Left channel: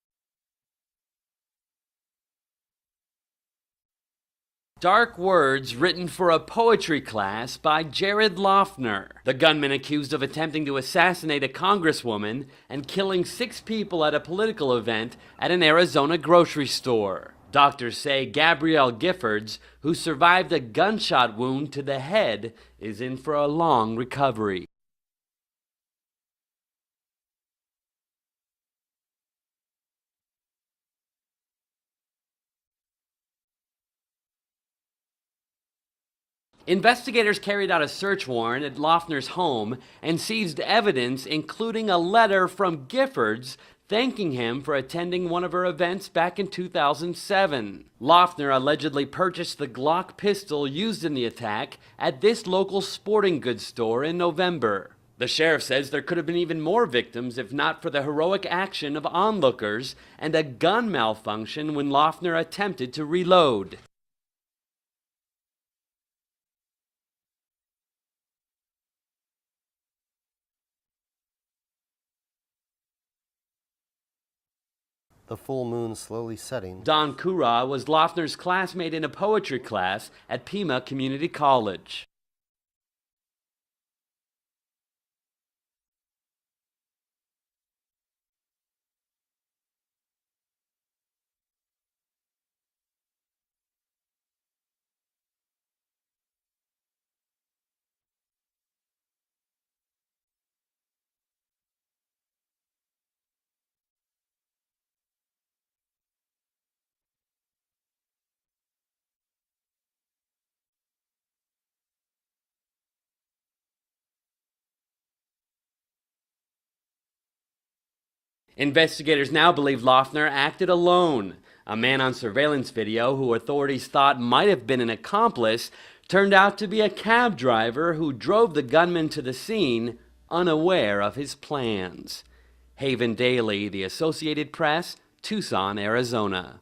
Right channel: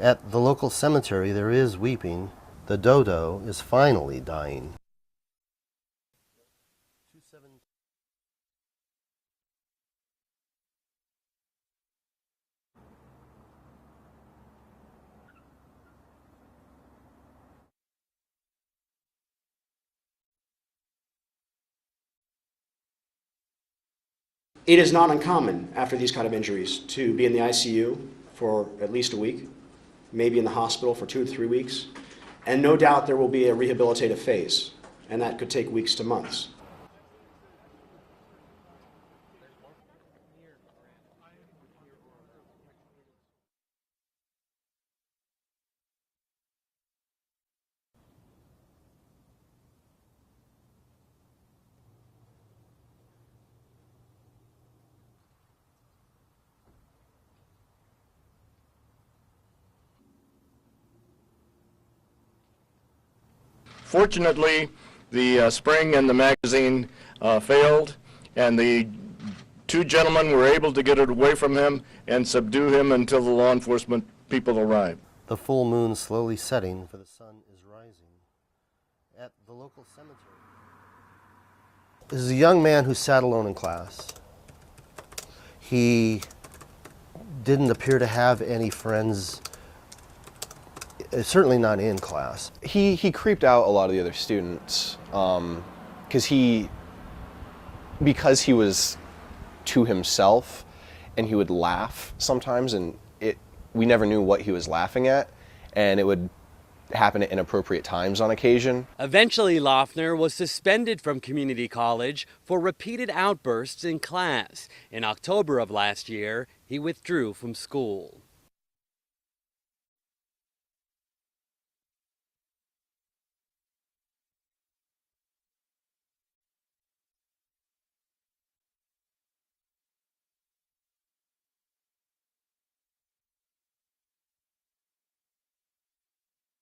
At the local cemetery, there is weeping. The dodo is finally dying. Dark words written for a poetry class by Jared Loughner. The gunman accused of attempting to assassinate a congresswoman and killing 6 people at a political event at an Arizona grocery store. Doctors say Gabrielle Giffords, who survived a gunshot wound to the head, is in for a long recovery. It is not uncommon after these kind of injuries to be in the ICU for at least a week, maybe in the hospital for 2 to 3 weeks. And no doubt there will be a rehabilitative phase, and that could take weeks to months. Investigators carried out a search warrant at Loughner's home and seized evidence, including a letter from Giffords thanking him for attending one of her events back in 2007. Loughner allegedly purchased the Glock pistol used in the attack at this local sporting goods store in November. The sheriff says there could have been even more victims if not for the heroic action of onlookers and a gun malfunction when Loughner attempted to reload. Fortunately, the spring and the magazine failed, and the 2 gentlemen were able to get it away from him and subdue him until the law enforcement people arrived. The full moon slowly setting. Don Kura was Loughner's classmate in a poetry class at PIMA Community College. This is a young man who sat alone in class. He didn't appear to have any friends, certainly not in class. He creeped out a lot of the other students because he was to himself, and he would laugh sometimes, and we never knew what he was laughing at, and it would happen at inappropriate times on occasion. Eventually, Loughner was suspended from community college for repeated outbursts in class. In October of last year, he withdrew from school. Investigators now believe Loughner acted alone. A man on surveillance video who authorities thought might have been an accomplice turned out to be a cab driver who drove the gunman to the scene, unaware of his plans. Haven Daley, The Associated Press, Tucson, Arizona.